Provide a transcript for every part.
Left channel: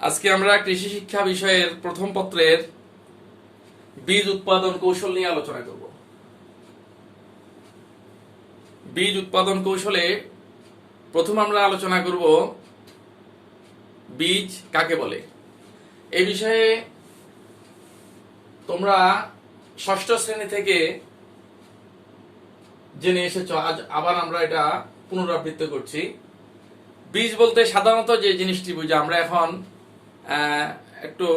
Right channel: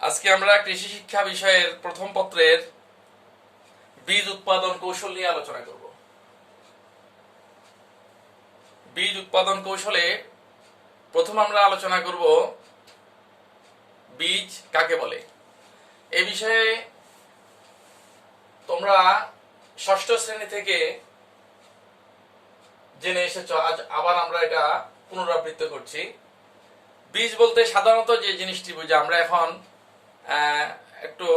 আজকে আমরা কৃষি শিক্ষা বিষয়ের প্রথম পত্রের বীজ উৎপাদন কৌশল নিয়ে আলোচনা করব। বীজ উৎপাদন কৌশলে প্রথম আমরা আলোচনা করব বীজ কাকে বলে। এই বিষয়ে তোমরা ষষ্ঠ শ্রেণী থেকে জেনে এসেছো, আজ আবার আমরা এটা পুনরাবৃত্তি করছি। বীজ বলতে সাধারণত যে জিনিসটি বুঝি, আমরা এখন একটু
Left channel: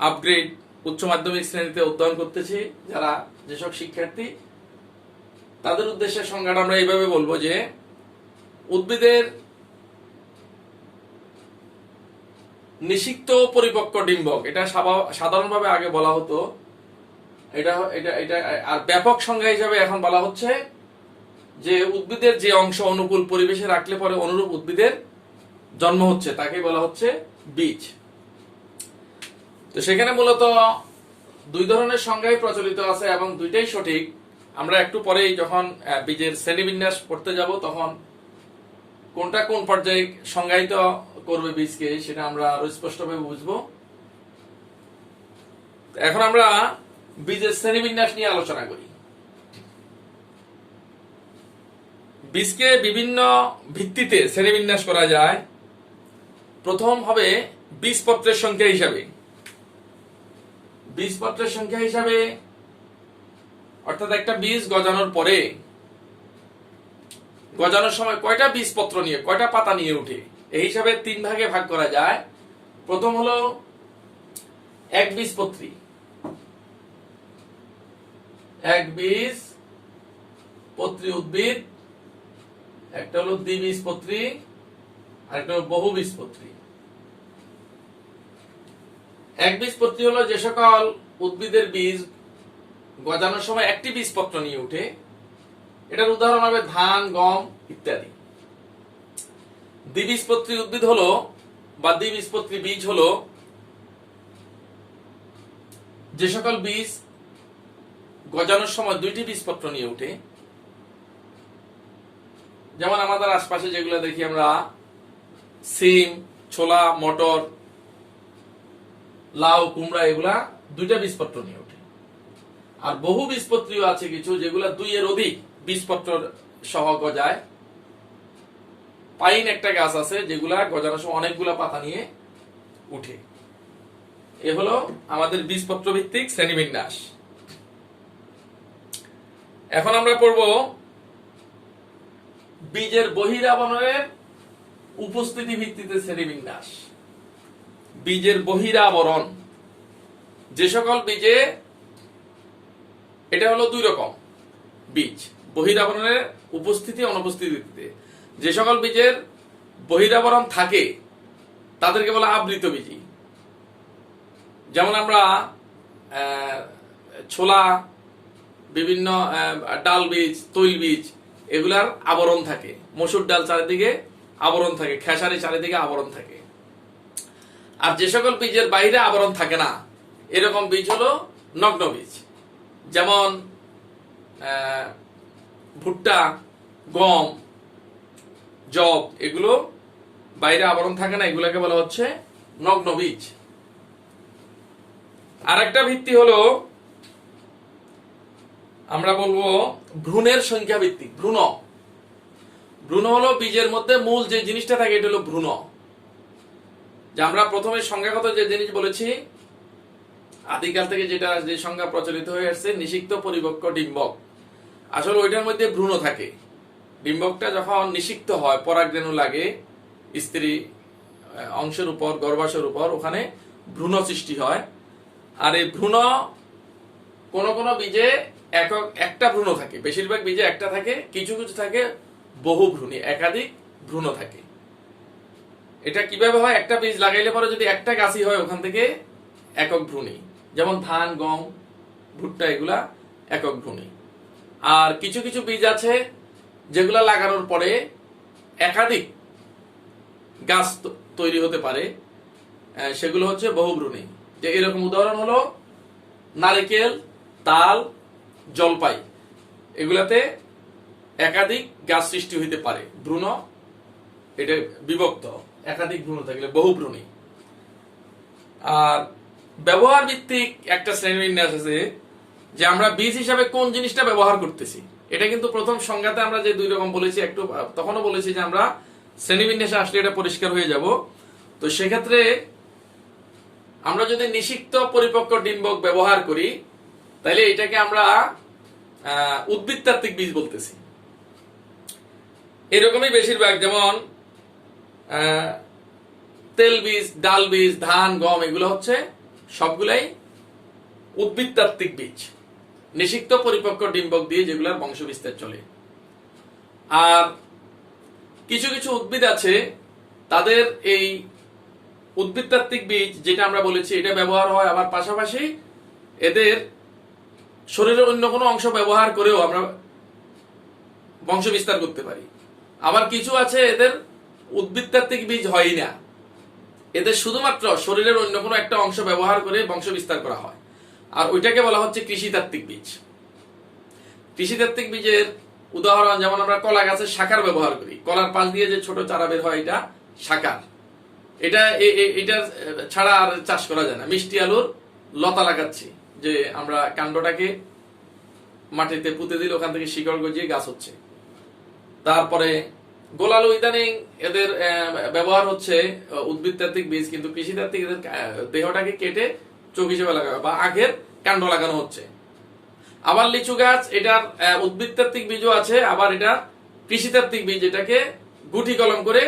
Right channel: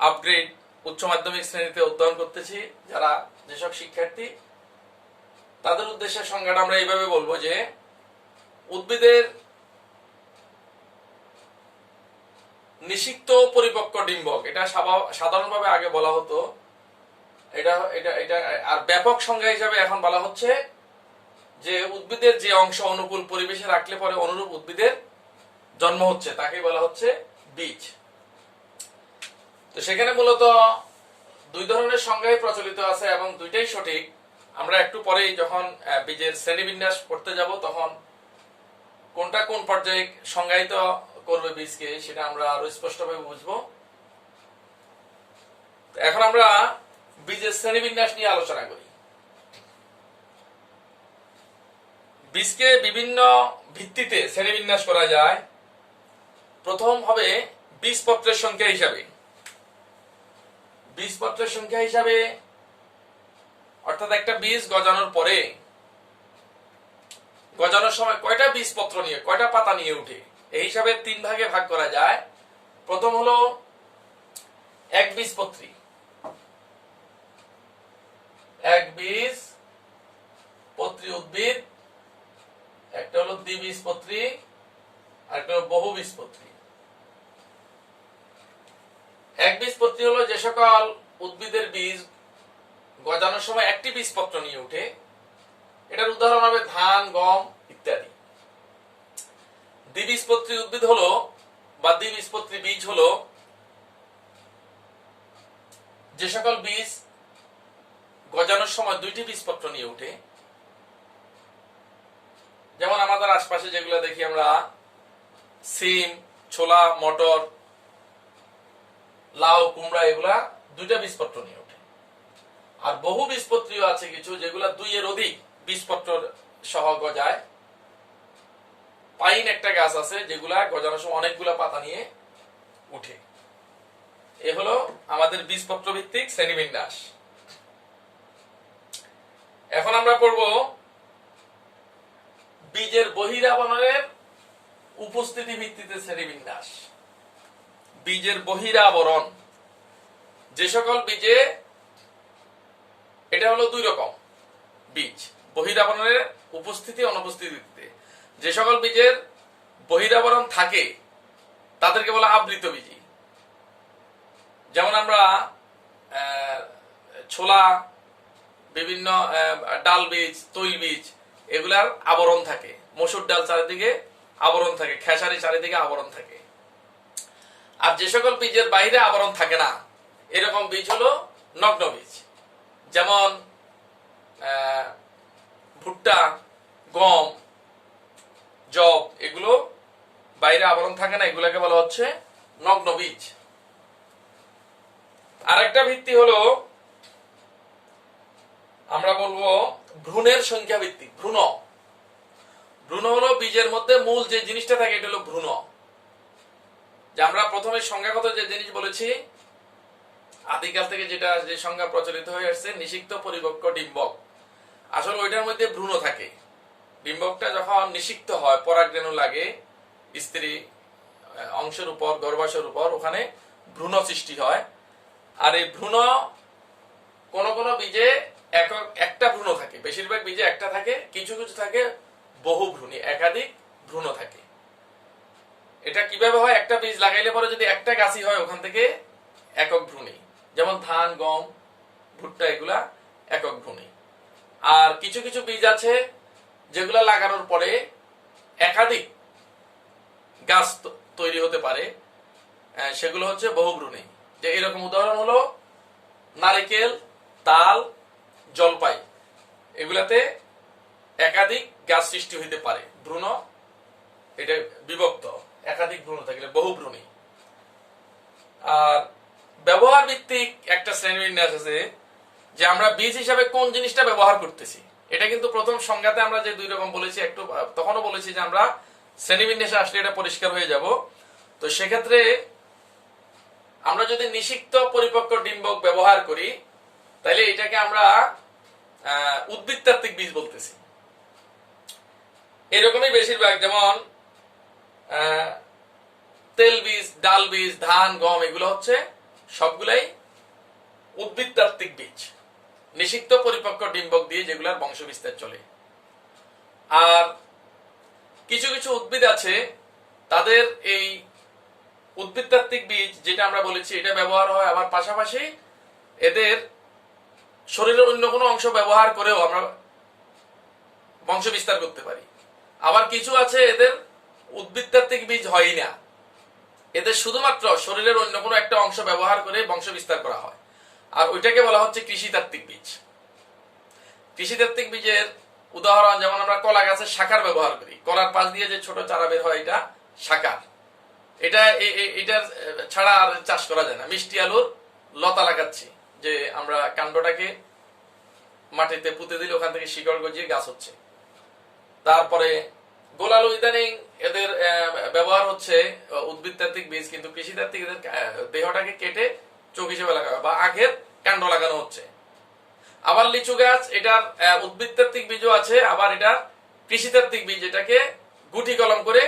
আপগ্রেড উচ্চ মাধ্যমিক শ্রেণীতে অধ্যয়ন করতেছি, যারা যেসব শিক্ষার্থী তাদের উদ্দেশ্যে সংজ্ঞাটা আমরা এইভাবে বলবো যে উদ্ভিদের নিষিক্ত পরিপক্ক ডিম্বক, এটা সাধারণভাবে আগে বলা হতো, এটা এটা এটা আর ব্যাপক সংজ্ঞা হিসাবে এখন বলা হচ্ছে যে উদ্ভিদের যে অংশ অনুকূল পরিবেশে রাখলে পরে অনুরূপ উদ্ভিদের জন্ম হচ্ছে, তাকেই বলা হচ্ছে বীজ। তো সেখানে মূলত দুই ধরনের সংজ্ঞাই প্রচলিত আছে এবং দুইটাই সঠিক। আমরা একটু পরেই যখন বীজের শ্রেণীবিন্যাস পড়তে যাব তখন কোনটা কোন পর্যায়ে সংজ্ঞায়িত করবে বীজকে সেটা আমরা আরো স্পষ্টভাবে বুঝবো। এখন আমরা বীজের শ্রেণীবিন্যাস নিয়ে আলোচনা করি। বীজকে বিভিন্ন ভিত্তিতে শ্রেণীবিন্যাস করা যায়। প্রথম হবে বীজপত্রের সংখ্যা হিসাবে। বীজপত্রের সংখ্যা হিসাবে অর্থাৎ একটা বীজ গজানোর পরে গজানোর সময় কয়টা বীজপত্র নিয়ে, কয়টা পাতা নিয়ে উঠে, এই হিসাবে তিন ভাগে ভাগ করা যায়। প্রথম হলো এক বীজপত্রী, এক বীজপত্রী উদ্ভিদ, একটা হলো দ্বিবীজপত্রী, আর একটা হলো বহুবীজপত্রী। একবীজপত্রী হলো যে সকল উদ্ভিদের বীজ গজানোর সময় একটি বীজপত্র নিয়ে উঠে, এটার উদাহরণ হবে ধান, গম ইত্যাদি। দ্বিবীজপত্রী উদ্ভিদ হলো বা দ্বিবীজপত্রী বীজ হলো যে সকল বীজ গজানোর সময় দুইটি বীজপত্র নিয়ে উঠে, যেমন আমাদের আশপাশে যেগুলো দেখি আমরা, সিম, ছোলা, মটর, লাউ, কুমড়া, এগুলা দুইটা বীজপত্র নিয়ে ওঠে। আর বহু বীজপত্রীও আছে কিছু যেগুলা দুই এর অধিক বীজপত্র সহ গজায়। পাইন একটা গাছ আছে যেগুলা গজানোর সময় অনেকগুলা পাতা নিয়ে উঠে। এ হলো আমাদের বীজপত্র ভিত্তিক শ্রেণীবিন্যাস। এখন আমরা পড়ব বীজের বহিরাবরণের উপস্থিতি ভিত্তিতে শ্রেণীবিন্যাস। বীজের বহিরাবরণ, যে সকল বীজে, এটা হলো দুই রকম বীজ, বহিরাবরণের উপস্থিতি অনুপস্থিতিতে। যে সকল বীজের বহিরাবরণ থাকে তাদেরকে বলা আবৃত বীজি। যেমন আমরা ছোলা, বিভিন্ন ডাল বীজ, তৈল বীজ, এগুলার আবরণ থাকে। মসুর ডাল চারিদিকে আবরণ থাকে, খেসারি চারিদিকে আবরণ থাকে। আর যে সকল বীজের বাইরে আবরণ থাকে না, এরকম বীজ হলো নগ্ন বীজ। যেমন ভুট্টা, গম, জব, এগুলো বাইরে আবরণ থাকে না, এগুলাকে বলা হচ্ছে নগ্ন বীজ। আরেকটা ভিত্তি হলো আমরা বলবো ভ্রূণের সংখ্যা ভিত্তিক। ভ্রূণ হলো বীজের মধ্যে মূল যে জিনিসটা থাকে, এটা হলো ভ্রূণ। যে আমরা প্রথমে সংজ্ঞাগত যে জিনিস বলেছি, আদিকাল থেকে যেটা যে সংজ্ঞা প্রচলিত হয়ে আসছে, নিষিক্ত পরিপক্ক ডিম্বক, আসলে ওইটার মধ্যে ভ্রূণ থাকে। ডিম্বকটা যখন নিষিক্ত হয়, পরাগরেণু লাগে স্ত্রী অংশের উপর, গর্ভাশয়ের উপর, ওখানে ভ্রূণ সৃষ্টি হয়। আর এই ভ্রূণ কোন কোন বীজে একটা ভ্রূণ থাকে, বেশিরভাগ বীজে একটা থাকে, কিছু কিছু থাকে বহু ভ্রূণী, একাধিক ভ্রূণ থাকে। এটা কিভাবে হয়? একটা বীজ লাগাইলে পরে যদি একটা গাছই হয়, ওখান থেকে একক ভ্রূণী। যেমন ধান, গম, ভুট্টা, এগুলা একক ভ্রূণী। আর কিছু কিছু বীজ আছে যেগুলা লাগানোর পরে একাধিক গাছ তৈরি হতে পারে, সেগুলো হচ্ছে বহুভ্রূণী। যে এরকম উদাহরণ হলো নারিকেল, তাল, জলপাই, এগুলাতে একাধিক গাছ সৃষ্টি হইতে পারে। ভ্রূণ এটা বিভক্ত, একাধিক ভ্রূণ থাকলে বহুভ্রূণী। আর ব্যবহার ভিত্তিক একটা শ্রেণীবিন্যাস আছে, যে আমরা বীজ হিসাবে কোন জিনিসটা ব্যবহার করতেছি। এটা কিন্তু প্রথম সংজ্ঞাতে আমরা যে দুই রকম বলেছি, একটু তখনও বলেছি যে আমরা শ্রেণীবিন্যাসে আসলে এটা পরিষ্কার হয়ে যাব। তো সেক্ষেত্রে আমরা যদি নিষিক্ত পরিপক্ক ডিম্বক ব্যবহার করি, তাহলে এটাকে আমরা উদ্ভিদতাত্ত্বিক বীজ বলতেছি। এরকমই বেশিরভাগ, যেমন তেল বীজ, ডাল বীজ, ধান, গম, এগুলো হচ্ছে সবগুলাই উদ্ভিদতাত্ত্বিক বীজ, নিষিক্ত পরিপক্ক ডিম্বক দিয়ে যেগুলোর বংশ বিস্তার চলে। আর কিছু কিছু উদ্ভিদ আছে, তাদের এই উদ্ভিদতাত্ত্বিক বীজ যেটা আমরা বলেছি, এটা ব্যবহার হয়, আবার পাশাপাশি এদের শরীরের অন্য কোনো অংশ ব্যবহার করেও আমরা বংশ বিস্তার করতে পারি। আবার কিছু আছে এদের উদ্ভিদতাত্ত্বিক বীজ হয় না, এদের শুধুমাত্র শরীরের অন্য কোনো একটা অংশ ব্যবহার করে বংশ বিস্তার করা হয়, আর ওইটাকে বলা হচ্ছে কৃষিতাত্ত্বিক বীজ। কৃষিতাত্ত্বিক বীজের উদাহরণ, যেমন আমরা কলা গাছের শাখার ব্যবহার করি, কলার পাশ দিয়ে যে ছোট চারা বের হয়, এটা শাখার। এটা ছাড়া আর চাষ করা যায় না। মিষ্টি আলুর লতা লাগাচ্ছি, যে আমরা কাণ্ডটাকে মাটিতে পুঁতে দিলে ওখান থেকে শিকড় গজিয়ে গাছ হচ্ছে। তারপরে গোলালু, ইদানিং এদের ব্যবহার হচ্ছে উদ্ভিদতাত্ত্বিক বীজ, কিন্তু কৃষিতাত্ত্বিক এদের দেহটাকে কেটে চোখ হিসেবে লাগানো বা আখের কাণ্ড লাগানো হচ্ছে। আবার লিচু গাছ, এটার উদ্ভিদতাত্ত্বিক বীজও আছে, আবার এটার কৃষিতাত্ত্বিক বীজ, এটাকে গুটি কলম করে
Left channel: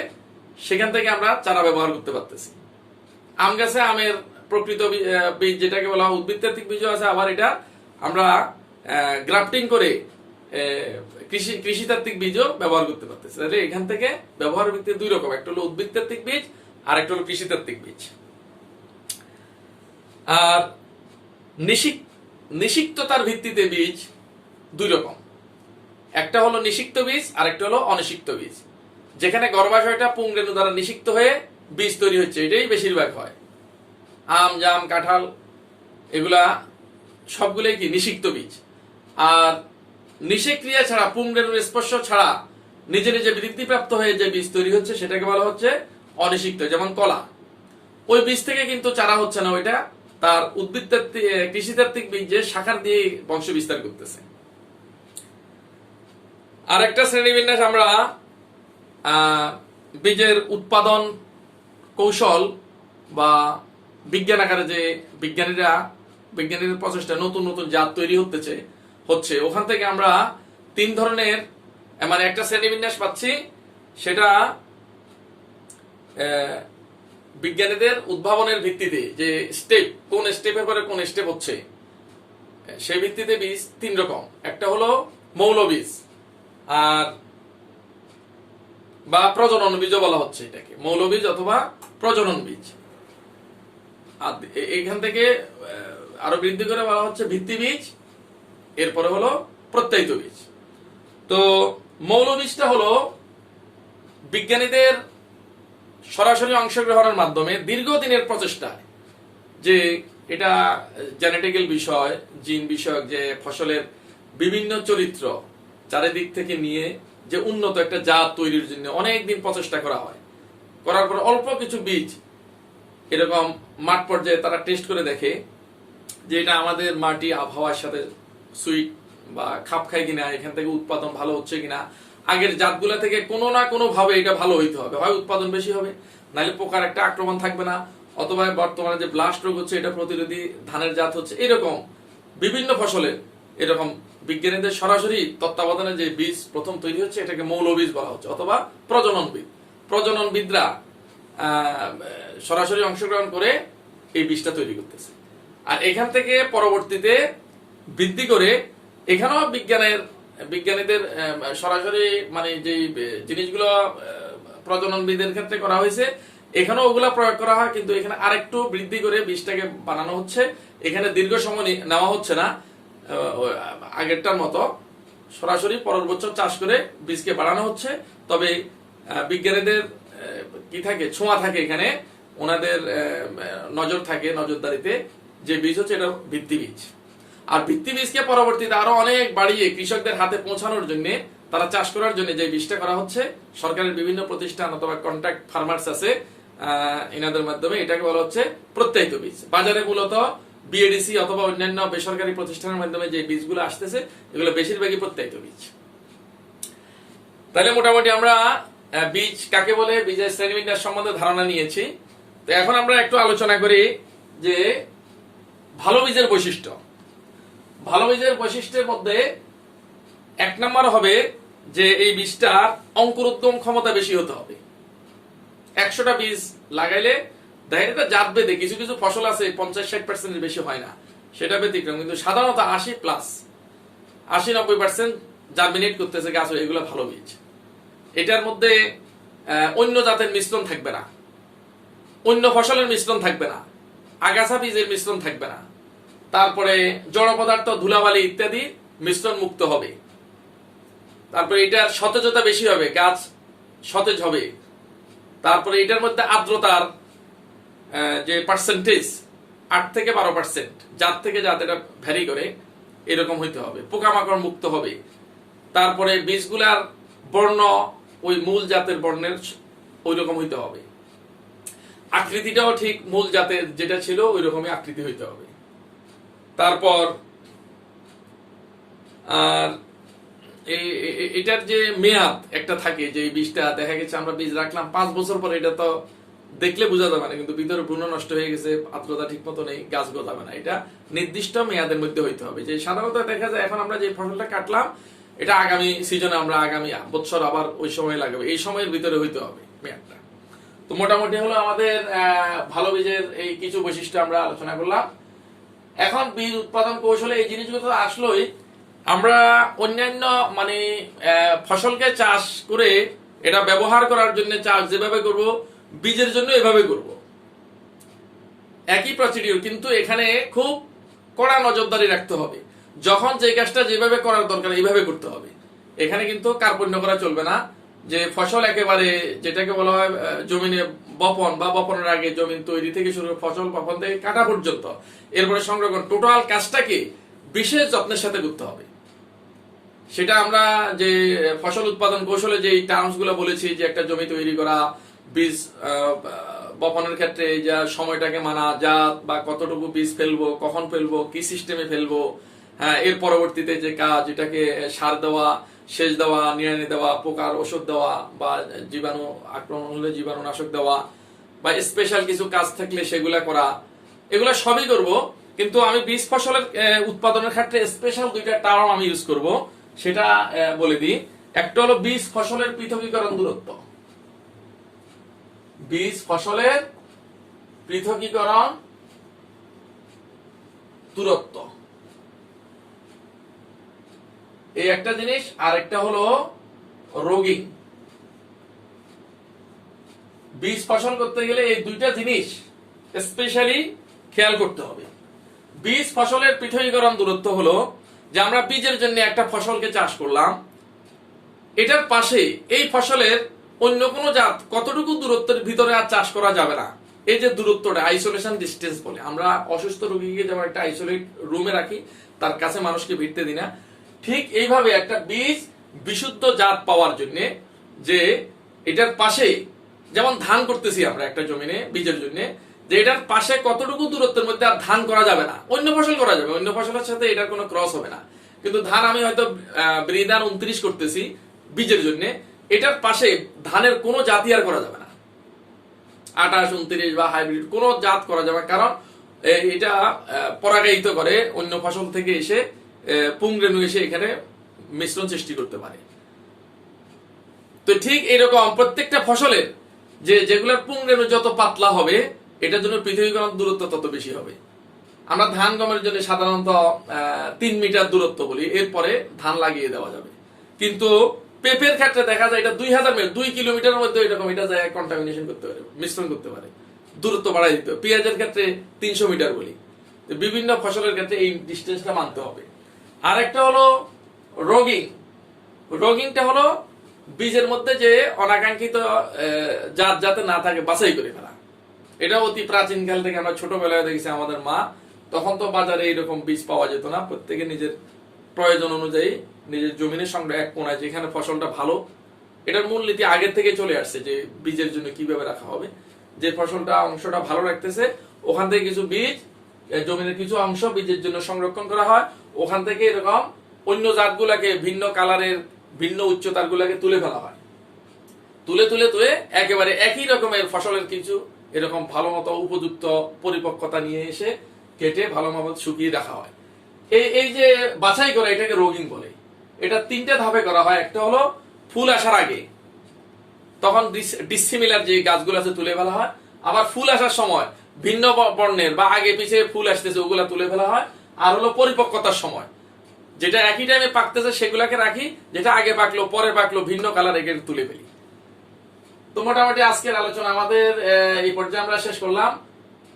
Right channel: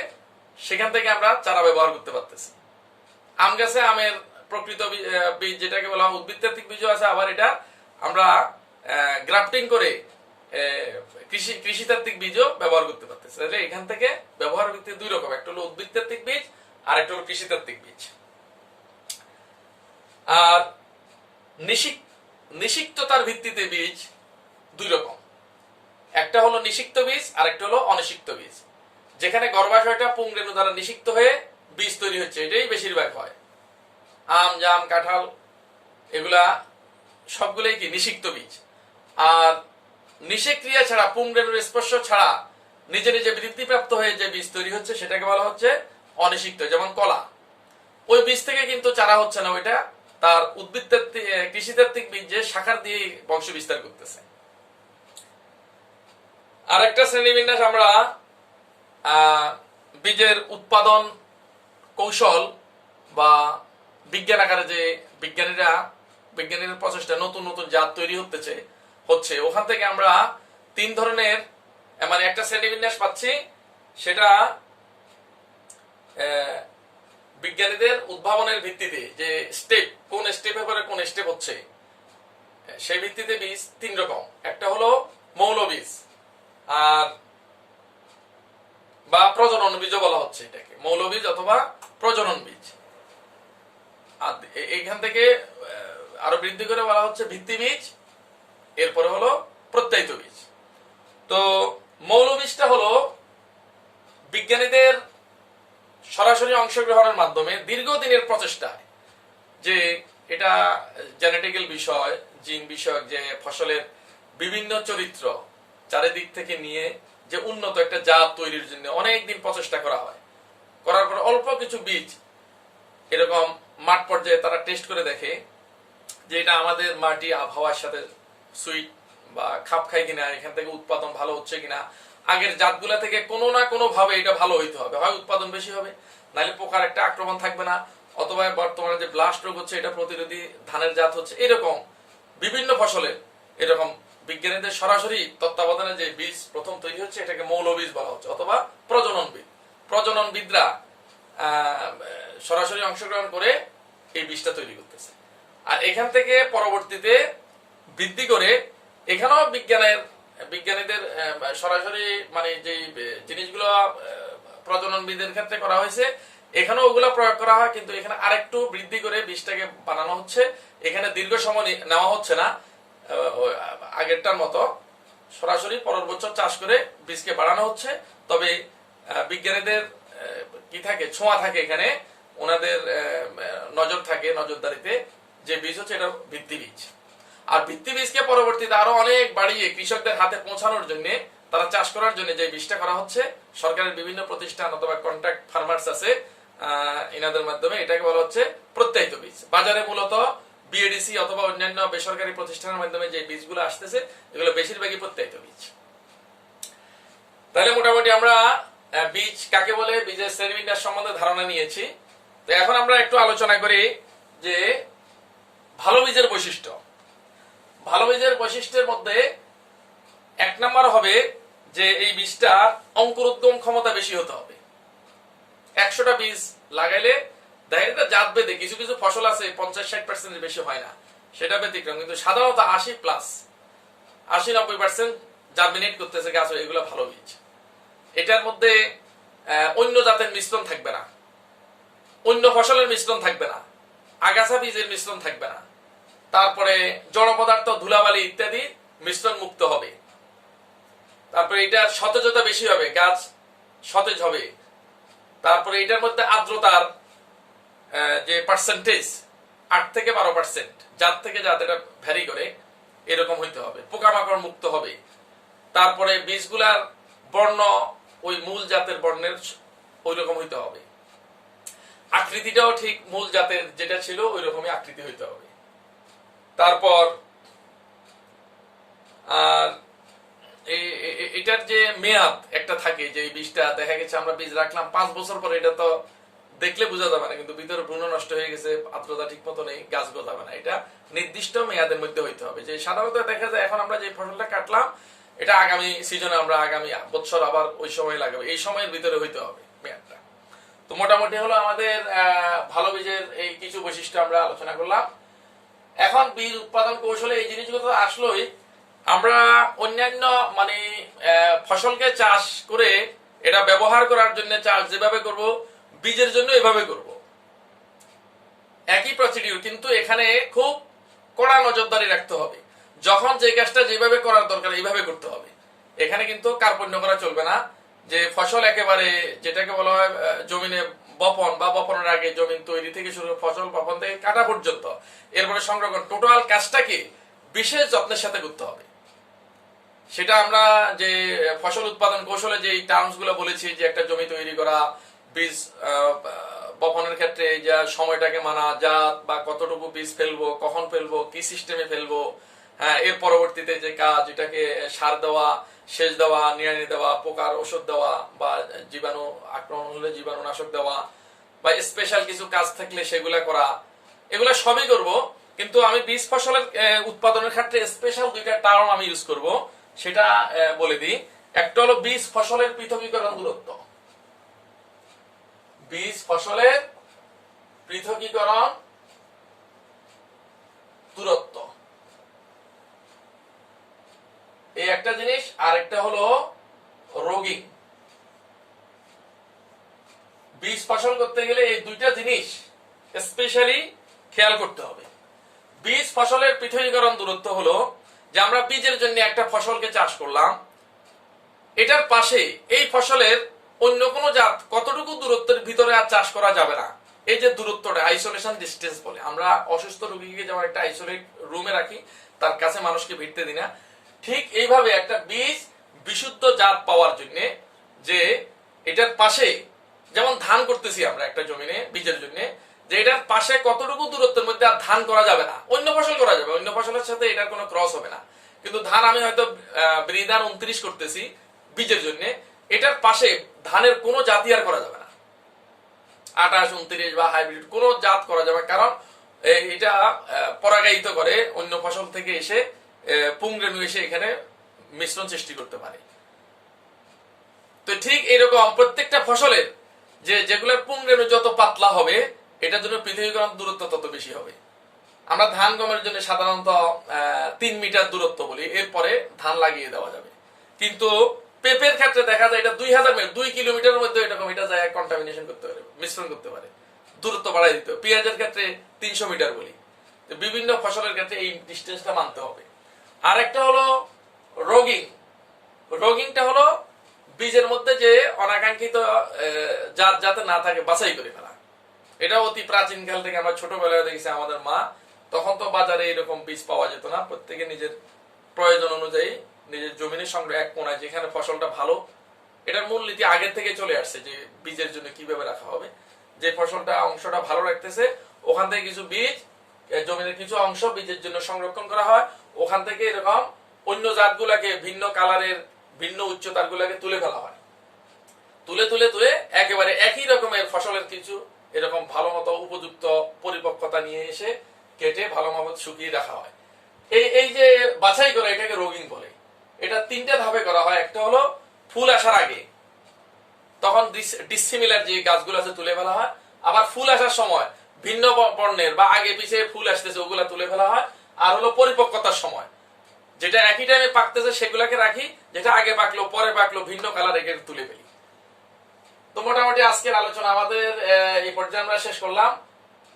সেখান থেকে আমরা চারা ব্যবহার করতে পারতেছি। আম গাছে আমের প্রকৃত বীজ, যেটাকে বলা হয় উদ্ভিদতাত্ত্বিক বীজও আছে, আবার এটা আমরা গ্রাফটিং করে কৃষিতাত্ত্বিক বীজও ব্যবহার করতে পারতেছি। তাহলে এখান থেকে ব্যবহার ভিত্তি দুই রকম, একটা হলো উদ্ভিদতাত্ত্বিক বীজ আর একটা হলো কৃষিতাত্ত্বিক বীজ। আর নিষিক্ততার ভিত্তিতে বীজ দুই রকম, একটা হলো নিষিক্ত বীজ আর একটা হলো অনিষিক্ত বীজ। যেখানে গর্ভাশয়টা পুংরেণু দ্বারা নিষিক্ত হয়ে বীজ তৈরি হচ্ছে, এটাই বেশিরভাগ হয়। আম, জাম, কাঁঠাল, এগুলা সবগুলোই কি নিষিক্ত বীজ। আর নিষেক্রিয়া ছাড়া, পুংরেণুর স্পর্শ ছাড়া নিজে নিজে বৃদ্ধিপ্রাপ্ত হয়ে যে বীজ তৈরি হচ্ছে, সেটাকে বলা হচ্ছে অনিষিক্ত। যেমন কলা, ওই বীজ থেকে কিন্তু চারা হচ্ছে না, ওইটা তার কৃষিতাত্ত্বিক বীজ যে শাখার দিয়ে বংশ বিস্তার করতেছে। আর একটা শ্রেণীবিন্যাস আমরা বীজের উৎপাদন কৌশল বা বিজ্ঞান আকারে, যে বিজ্ঞানীদের প্রচেষ্টা নতুন নতুন জাত তৈরি হচ্ছে, ওখান থেকে আমরা তিন ধরনের মানে একটা শ্রেণীবিন্যাস পাচ্ছি। সেটা বিজ্ঞানীদের উদ্ভাবনের ভিত্তিতে, যে স্টেপ, কোন স্টেপে পরে কোন স্টেপ হচ্ছে, সেই ভিত্তিতে বীজ তিন রকম। একটা হলো মৌল বীজ, আর বা প্রজনন বীজও বলা হচ্ছে এটাকে, মৌল বীজ অথবা প্রজনন বীজ। আর এইখান থেকে আরো বৃদ্ধি করে বলা হচ্ছে ভিত্তি বীজ, এরপরে হলো প্রত্যায়িত বীজ। তো মৌল বীজটা হলো বিজ্ঞানীদের সরাসরি অংশগ্রহণের মাধ্যমে দীর্ঘদিনের প্রচেষ্টায়, যে এটা জেনেটিক্যাল বিষয়, জিন বিষয়ক, যে ফসলের বিভিন্ন চরিত্র চারিদিক থেকে নিয়ে যে উন্নত একটা জাত তৈরির জন্য অনেকদিন প্রচেষ্টা করা হয়। করার পর অল্প কিছু বীজ এরকম মাঠ পর্যায়ে তারা টেস্ট করে দেখে যে এটা আমাদের মাটি আবহাওয়ার সাথে সুইট বা খাপ খায় কিনা, এখান থেকে উৎপাদন ভালো হচ্ছে কিনা, আগের জাতগুলা থেকে কোনো না কোনো ভাবে এটা ভালো হইতে হবে, হয় উৎপাদন বেশি হবে, নাহলে পোকার একটা আক্রমণ থাকবে না, অথবা বর্তমানে যে ব্লাস্ট রোগ হচ্ছে এটা প্রতিরোধী ধানের জাত হচ্ছে। এরকম বিভিন্ন ফসলের এরকম বিজ্ঞানীদের সরাসরি তত্ত্বাবধানে যে বীজ প্রথম তৈরি হচ্ছে, এটাকে মৌল বীজ বলা হচ্ছে, অথবা প্রজননবিদরা সরাসরি অংশগ্রহণ করে এই বীজটা তৈরি করতেছে। আর এখান থেকে পরবর্তীতে বৃদ্ধি করে এখানেও বিজ্ঞানীদের সরাসরি মানে যে জিনিসগুলো প্রজননবিদের ক্ষেত্রে করা হয়েছে, এখানেও ওগুলা প্রয়োগ করা হয়, কিন্তু এখানে আরেকটু বৃদ্ধি করে বীজটাকে বানানো হচ্ছে। এখানে দীর্ঘ সময় নেওয়া হচ্ছে না আগেরটার মতো, সরাসরি পরের বছর চাষ করে বীজকে বাড়ানো হচ্ছে। তবে বিজ্ঞানীদের কি থাকে, ছোঁয়া থাকে, এখানে ওনাদের নজর থাকে, নজরদারিতে যে বীজ হচ্ছে এটা ভিত্তি বীজ। আর ভিত্তি বীজকে পরবর্তীতে আরো অনেক বাড়িয়ে কৃষকদের হাতে পৌঁছানোর জন্য, তারা চাষ করার জন্য যে বীজটা করা হচ্ছে, সরকারের বিভিন্ন প্রতিষ্ঠান অথবা কন্ট্রাক্ট ফার্মার্স আছে, এনাদের মাধ্যমে, এটাকে বলা হচ্ছে প্রত্যায়িত বীজ। বাজারে মূলত বিএডিসি অথবা অন্যান্য বেসরকারি প্রতিষ্ঠানের মাধ্যমে যে বীজগুলো আসতেছে এগুলো বেশিরভাগই প্রত্যায়িত বীজ। তাহলে মোটামুটি আমরা বীজ কাকে বলে, বীজের শ্রেণীবিন্যাস সম্বন্ধে ধারণা নিয়েছি। তো এখন আমরা একটু আলোচনা করি যে ভালো বীজের বৈশিষ্ট্য। ভালো বীজের বৈশিষ্ট্যের মধ্যে 1 নম্বর হবে যে এই বীজটার অঙ্কুরোদ্গম ক্ষমতা বেশি হতে হবে। 100টা বীজ লাগাইলে দেখা এটা জাত ভেদে কিছু কিছু ফসল আছে 50-60% বেশি হয় না, সেটা ব্যতিক্রম, কিন্তু সাধারণত 80+80-90% জার্মিনেট করতেছে গাছ, এগুলো ভালো বীজ। এটার মধ্যে অন্য জাতের মিশ্রণ থাকবে না, অন্য ফসলের মিশ্রণ থাকবে না, আগাছা বীজের মিশ্রণ থাকবে না, তারপরে জড় পদার্থ, ধুলাবালি ইত্যাদি মিশ্রণ মুক্ত হবে। তারপরে এটার সতেজতা বেশি হবে, গাছ সতেজ হবে। তারপরে এটার মধ্যে আর্দ্রতার যে পার্সেন্টেজ 8 থেকে 12%, জাত থেকে জাত এটা ভ্যারি করে, এরকম হইতে হবে। পোকামাকড় মুক্ত হবে। তারপরে বীজগুলার বর্ণ ওই মূল জাতের বর্ণের ওই রকম হইতে হবে। আকৃতিটাও ঠিক মূল জাতের যেটা ছিল ওই রকমই আকৃতি হইতে হবে। তারপর আর এটার যে মেয়াদ একটা থাকে, যে বীজটা দেখা গেছে আমরা বীজ রাখলাম 5 বছর পরে, এটা তো দেখলে বোঝা যাবে না, কিন্তু ভিতরে ভ্রূণ নষ্ট হয়ে গেছে, আর্দ্রতা ঠিক মতো নেই, গাছ গজাবে না। এটা নির্দিষ্ট মেয়াদের মধ্যে হইতে হবে। যে সাধারণত দেখা যায় এখন আমরা যে ফসলটা কাটলাম এটা আগামী সিজনে আমরা আগামী বছর আবার ওই সময় লাগাবো, এই সময়ের ভিতরে হইতে হবে মেয়াদটা। তো মোটামুটি হলো আমাদের ভালো বীজের এই কিছু বৈশিষ্ট্য আমরা আলোচনা করলাম। এখন বীজ উৎপাদন কৌশলে এই জিনিসগুলো তো আসলোই, আমরা অন্যান্য মানে ফসলকে চাষ করে এটা ব্যবহার করার জন্য চাষ যেভাবে করব, বীজের জন্য এভাবে করব, একই প্রসিডিউর, কিন্তু এখানে খুব কড়া নজরদারি রাখতে হবে। যখন যে কাজটা যেভাবে করার দরকার এইভাবে করতে হবে। এখানে কিন্তু কার্পণ্য করা চলবে না, যে ফসল একেবারে যেটাকে বলা হয় জমিনে বপন বা বপনের আগে জমিন তৈরি থেকে শুরু করে ফসল বপন থেকে কাটা পর্যন্ত, এরপরে সংরক্ষণ, টোটাল কাজটাকে বিশেষ যত্নের সাথে করতে হবে। সেটা আমরা যে ফসল উৎপাদন কৌশলে যে টার্মস গুলো বলেছি, যে একটা জমি তৈরি করা, বীজ বপনের ক্ষেত্রে যা সময়টাকে মানা, জাত বা কতটুকু বীজ ফেলবো, কখন ফেলবো, কি সিস্টেমে ফেলবো, হ্যাঁ, এর পরবর্তীতে যে কাজ, এটাকে সার দেওয়া, সেচ দেওয়া, নিড়ানি দেওয়া, পোকার ওষুধ দেওয়া, বা জীবাণু আক্রমণ হলে জীবাণুনাশক দেওয়া, বা স্পেশাল কিছু কাজ থাকলে সেগুলা করা, এগুলা সবই করব। কিন্তু আমি বীজ ফসলের উৎপাদনের ক্ষেত্রে স্পেশাল 2টা টার্ম আমি ইউজ করব, সেটা বলে দিই। একটা হলো বীজ ফসলের পৃথকীকরণ দূরত্ব। বীজ ফসলের পৃথকীকরণ দূরত্ব এই একটা জিনিস, আর একটা হলো রোগিং। বীজ ফসল করতে গেলে এই 2টা জিনিস স্পেশালি খেয়াল করতে হবে। বীজ ফসলের পৃথকীকরণ দূরত্ব হলো যে আমরা বীজের জন্য একটা ফসলকে চাষ করলাম, এটার পাশে এই ফসলের অন্য কোনো জাত কতটুকু দূরত্বের ভিতরে আর চাষ করা যাবে না। এই যে দূরত্বটা আইসোলেশন ডিস্টেন্স বলে, আমরা অসুস্থ রোগীকে যেমন একটা আইসোলেট রুমে রাখি, তার কাছে মানুষকে ভিড়তে দিই না, ঠিক এইভাবে একটা বীজ বিশুদ্ধ জাত পাওয়ার জন্য, যে এটার পাশে যেমন ধান করতেছি আমরা একটা জমিনে বীজের জন্য, যে এটার পাশে কতটুকু দূরত্বের মধ্যে আর ধান করা যাবে না, অন্য ফসল করা যাবে, অন্য ফসলের সাথে এটার কোনো ক্রস হবে না। কিন্তু ধান আমি হয়তো বৃদান 29 করতেছি বীজের জন্য, এটার পাশে ধানের কোনো জাতি আর করা যাবে না, 28, 29 বা হাইব্রিড কোনো জাত করা যাবে, কারণ এটা পরাগায়িত করে, অন্য ফসল থেকে এসে পুংরেণু এসে এখানে মিশ্রণ সৃষ্টি করতে পারে। তো ঠিক এরকম প্রত্যেকটা ফসলের যেগুলোর পুংরেণু যত পাতলা হবে, এটার জন্য পৃথকীকরণ দূরত্ব তত বেশি হবে। আমরা ধান গমের জন্য সাধারণত 3 মিটার দূরত্ব বলি, এরপরে ধান লাগিয়ে দেওয়া যাবে। কিন্তু পেঁপের ক্ষেত্রে দেখা যায় এটা 2000 মিটার, 2 কিলোমিটারের মধ্যে এরকম এটা যায় কন্টামিনেশন করতে পারে, মিশ্রণ করতে পারে, দূরত্ব বাড়াই দিতে হবে। পেঁয়াজের ক্ষেত্রে 300 মিটার বলি। বিভিন্ন ফসলের ক্ষেত্রে এই ডিস্টেন্সটা মানতে হবে। আর একটা হলো রোগিং। রোগিংটা হলো বীজের মধ্যে যে অনাকাঙ্ক্ষিত জাত যাতে না থাকে বাছাই করে ফেলা। এটা অতি প্রাচীন কাল থেকে আমরা ছোটবেলায় দেখেছি আমাদের মা, তখন তো বাজারে এরকম বীজ পাওয়া যেত না, প্রত্যেকে নিজের প্রয়োজন অনুযায়ী নিজের জমিনের সঙ্গে এক কোনায় যেখানে ফসলটা ভালো, এটার মূলনীতি আগের থেকে চলে আসছে যে বীজের জন্য কিভাবে রাখা হবে। যে ফসলটা অংশটা ভালো রাখতেছে ওখান থেকে কিছু বীজ, জমির কিছু অংশ বীজের জন্য সংরক্ষণ করা হয়, ওখান থেকে এরকম অন্য জাতগুলাকে, ভিন্ন কালারের ভিন্ন উচ্চতার গুলাকে তুলে ফেলা হয়। তুলে তুলে তুলে একেবারে একই রকমের ফসলের কিছু এরকম ভালো মতো উপযুক্ত পরিপক্কতা নিয়ে এসে কেটে ভালো মতো শুকিয়ে রাখা হয়। এই যে বাছাই করা, এটাকে রোগিং বলে। এটা 3টে ধাপে করা হয়। একটা হলো ফুল আসার আগে, তখন ডিসিমিলার যে গাছগুলো আছে তুলে ফেলা হয়। আবার ফুল আসার সময় ভিন্ন বর্ণের বা আগে পিছিয়ে ফুল আসতেছে ওগুলা তুলে ফেলা হয়। আর হলো পরিপক্কতার সময়, যেটা একই টাইমে পাকতেছে সেগুলাকে রাখি, যেটা আগে পাকলো পরে পাকলো ভিন্ন কালার একে তুলে ফেলি। তো মোটামুটি আজকের আলোচনা আমাদের এই পর্যায়ে আমরা শেষ করলাম।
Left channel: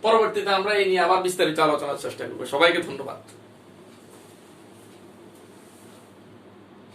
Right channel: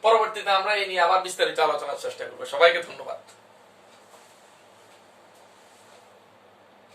পরবর্তীতে আমরা এই নিয়ে আবার বিস্তারিত আলোচনার চেষ্টা করবো। সবাইকে ধন্যবাদ।